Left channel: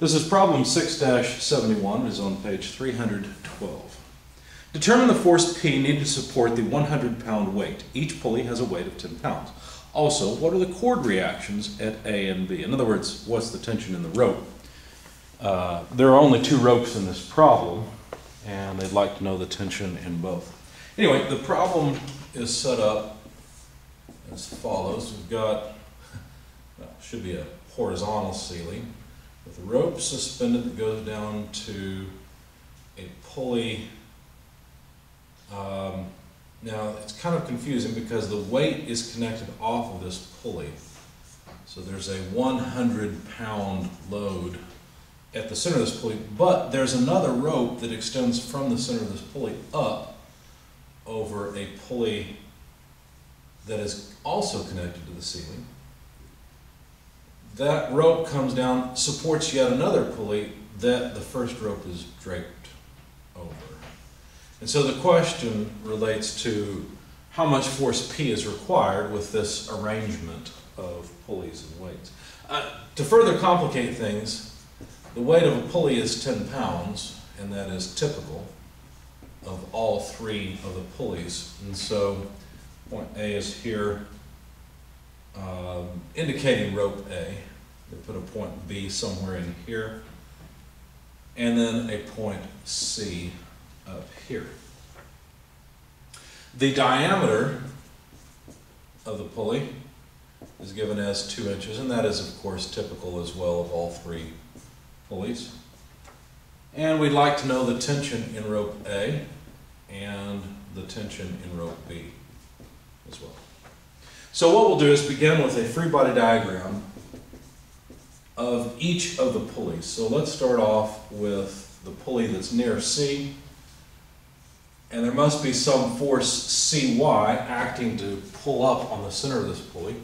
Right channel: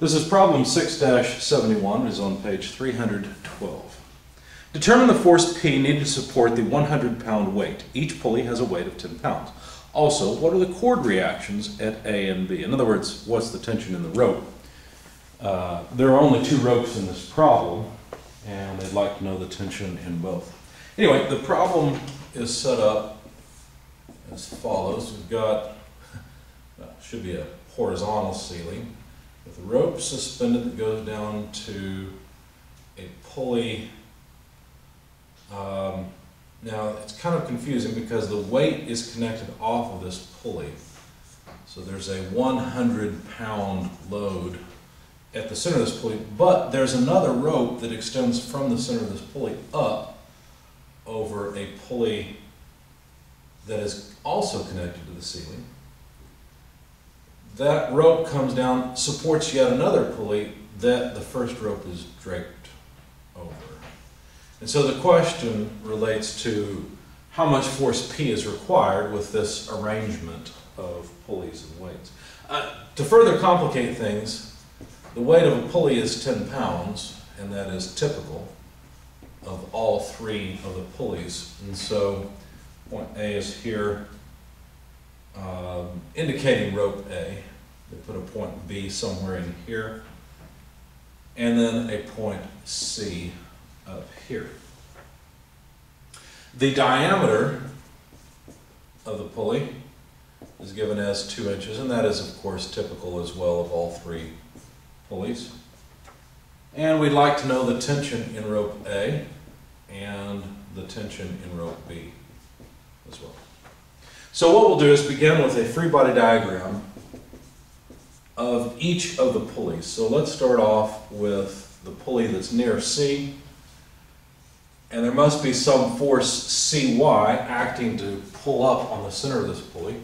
This is problem 6-71, is on page 312. Determine the force P needed to support the 100-pound weight. Each pulley has a weight of 10 pounds. Also, what are the chord reactions at A and B? In other words, what's the tension in the rope? There are only two ropes in this problem, and they'd like to know the tension in both. Anyway, the problem is set up as follows. We've got, well, should be a horizontal ceiling with a rope suspended that goes down to a pulley. Now it's kind of confusing because the weight is connected off of this pulley. So there's a 100-pound load at the center of this pulley, but there's another rope that extends from the center of this pulley up over a pulley that is also connected to the ceiling. That rope comes down, supports yet another pulley that the first rope is draped over. And so the question relates to how much force P is required with this arrangement of pulleys and weights. To further complicate things, the weight of a pulley is 10 pounds, and that is typical of all three of the pulleys. And so point A is here, indicating rope A. They put a point B somewhere in here, and then a point C up here. The diameter of the pulley is given as 2 inches, and that is, of course, typical as well of all three pulleys. And we'd like to know the tension in rope A and the tension in rope B as well. So what we'll do is begin with a free body diagram of each of the pulleys. So let's start off with the pulley that's near C, and there must be some force Cy acting to pull up on the center of this pulley.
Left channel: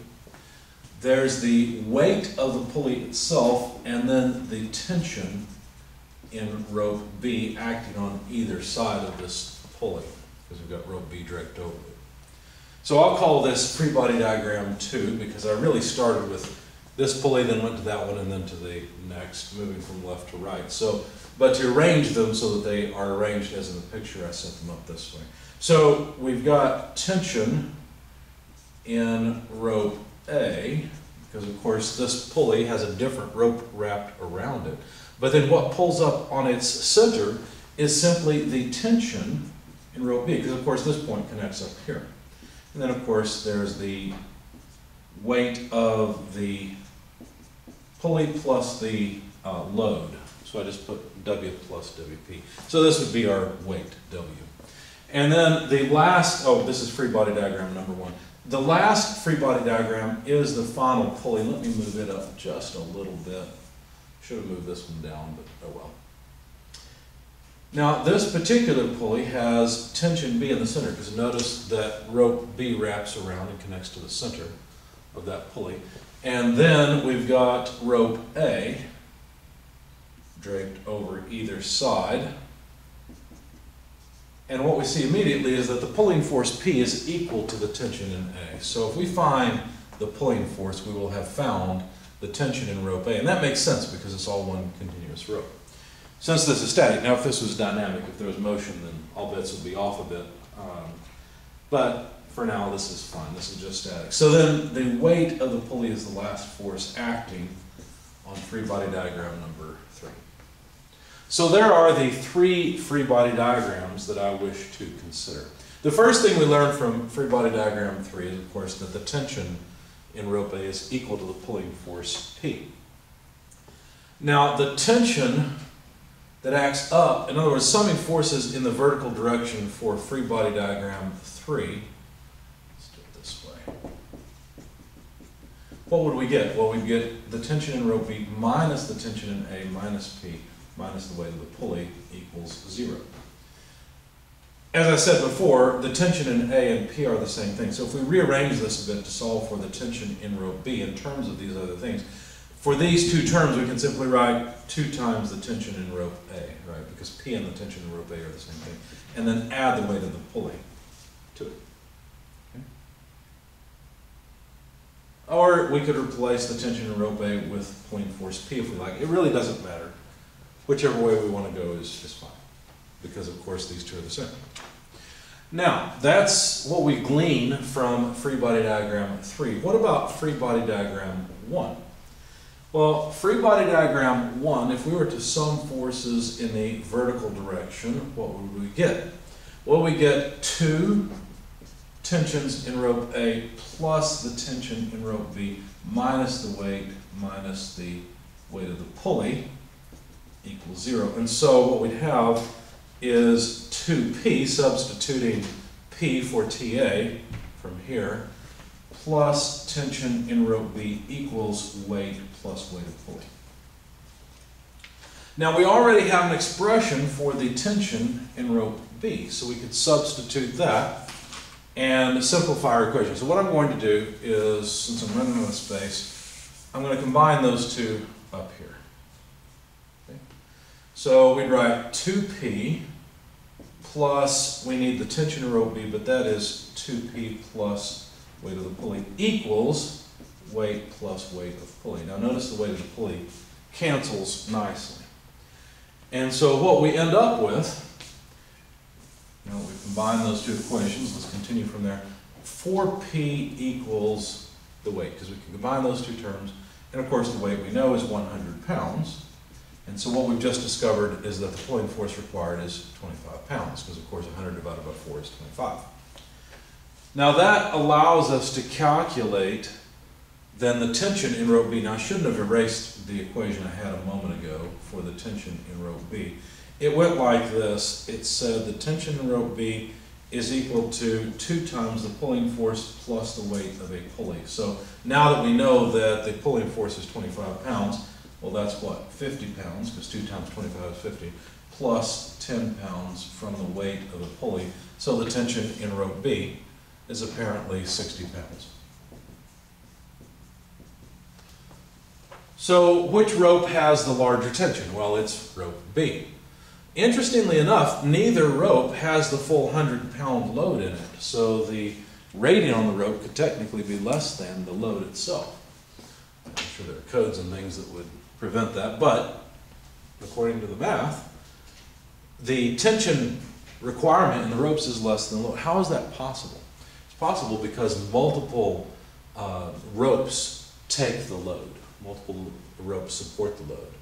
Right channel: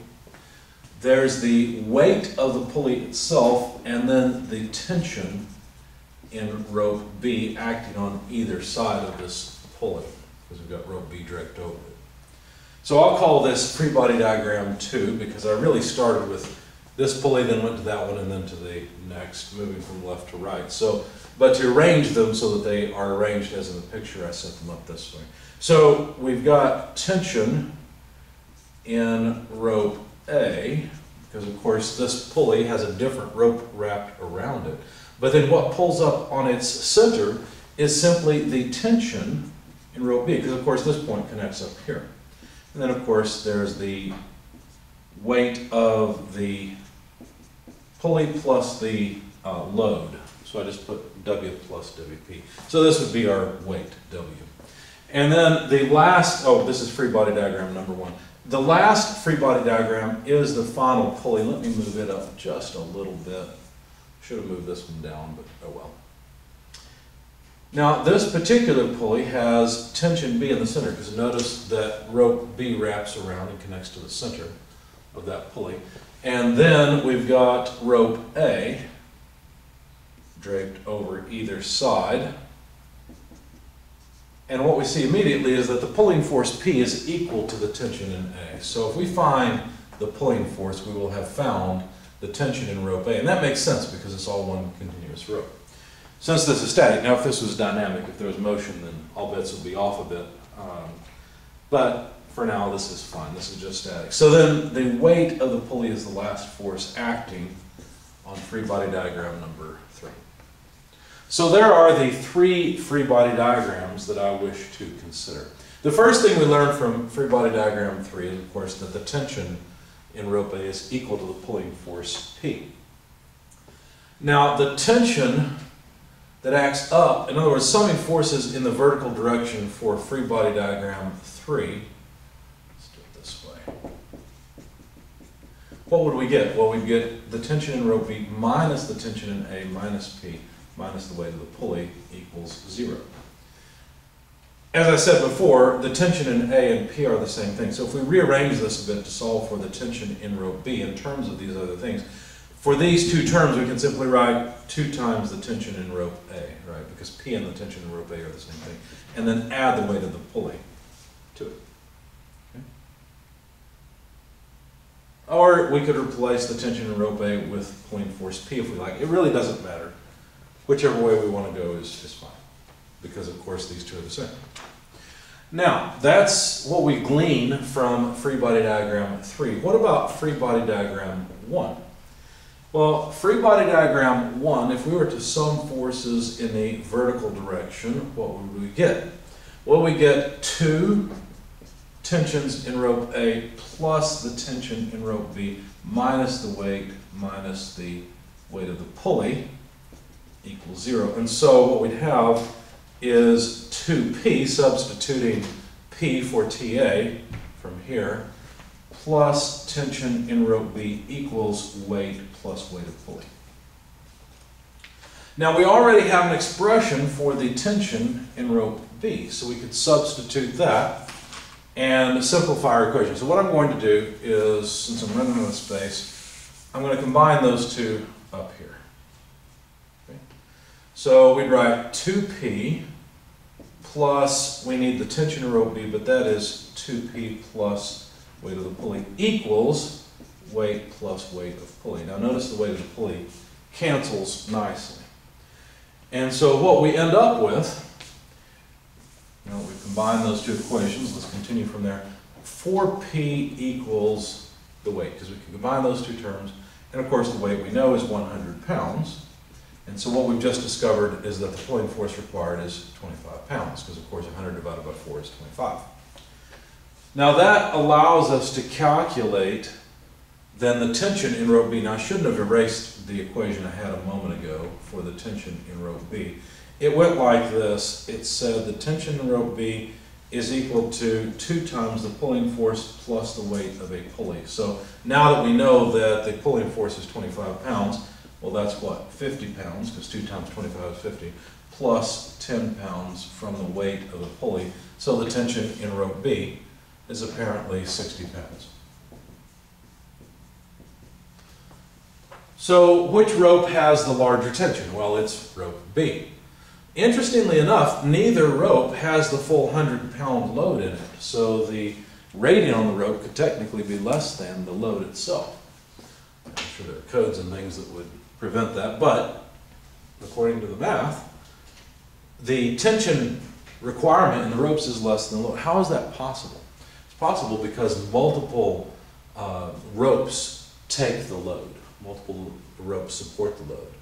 There's the weight of the pulley itself, and then the tension in rope B acting on either side of this pulley, because we've got rope B draped over it. So I'll call this free body diagram 2, because I really started with this pulley, then went to that one, and then to the next, moving from left to right. So, but to arrange them so that they are arranged as in the picture, I set them up this way. So we've got tension in rope A, because of course this pulley has a different rope wrapped around it. But then what pulls up on its center is simply the tension in rope B, because of course this point connects up here. And then of course there's the weight of the pulley plus the load. So I just put W plus WP. So this would be our weight, W. And then the last, oh, this is free body diagram number 1. The last free body diagram is the final pulley. Let me move it up just a little bit. Should have moved this one down, but oh well. Now this particular pulley has tension B in the center, because notice that rope B wraps around and connects to the center of that pulley. And then we've got rope A draped over either side. And what we see immediately is that the pulling force P is equal to the tension in A. So if we find the pulling force, we will have found the tension in rope A. And that makes sense because it's all one continuous rope. Since this is static, now if this was dynamic, if there was motion, then all bets would be off a bit. But for now, this is fine. This is just static. So then the weight of the pulley is the last force acting on free body diagram number 3. So there are the 3 free body diagrams that I wish to consider. The first thing we learned from free body diagram 3 is, of course, that the tension in rope A is equal to the pulling force P. Now, the tension that acts up, in other words, summing forces in the vertical direction for free body diagram 3, let's do it this way. What would we get? Well, we'd get the tension in rope B minus the tension in A minus P minus the weight of the pulley equals 0. As I said before, the tension in A and P are the same thing. So if we rearrange this a bit to solve for the tension in rope B in terms of these other things, for these two terms we can simply write 2 times the tension in rope A, right? Because P and the tension in rope A are the same thing. And then add the weight of the pulley to it. Or we could replace the tension in rope A with pulling force P if we like. It really doesn't matter. Whichever way we want to go is fine, because of course these two are the same. Now, that's what we glean from free body diagram 3. What about free body diagram 1? Well, free body diagram 1, if we were to sum forces in the vertical direction, what would we get? Well, we get 2 tensions in rope A plus the tension in rope B minus the weight of the pulley equals 0. And so what we'd have is 2P, substituting P for TA from here, plus tension in rope B equals weight plus weight of pulley. Now we already have an expression for the tension in rope B, so we could substitute that and simplify our equation. So what I'm going to do is, since I'm running out of space, I'm going to combine those two up here. Okay? So we'd write 2P plus, we need the tension in rope B, but that is 2P plus weight of the pulley equals weight plus weight of pulley. Now notice the weight of the pulley cancels nicely. And so what we end up with, we combine those two equations, let's continue from there. 4P equals the weight, because we can combine those two terms, and of course the weight we know is 100 pounds. And so what we've just discovered is that the pulling force required is 25 pounds, because of course 100 divided by 4 is 25. Now that allows us to calculate then the tension in rope B. Now I shouldn't have erased the equation I had a moment ago for the tension in rope B. It went like this. It said the tension in rope B is equal to 2 times the pulling force plus the weight of a pulley. So now that we know that the pulling force is 25 pounds, well that's what, 50 pounds, because 2 times 25 is 50, plus 10 pounds from the weight of the pulley. So the tension in rope B is apparently 60 pounds. So which rope has the larger tension? Well, it's rope B. Interestingly enough, neither rope has the full 100-pound load in it, so the rating on the rope could technically be less than the load itself. I'm sure there are codes and things that would prevent that, but according to the math, the tension requirement in the ropes is less than the load. How is that possible? It's possible because multiple ropes take the load. Multiple ropes support the load.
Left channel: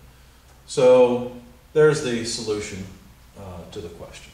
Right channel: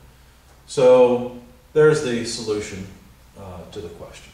So there's the solution to the question.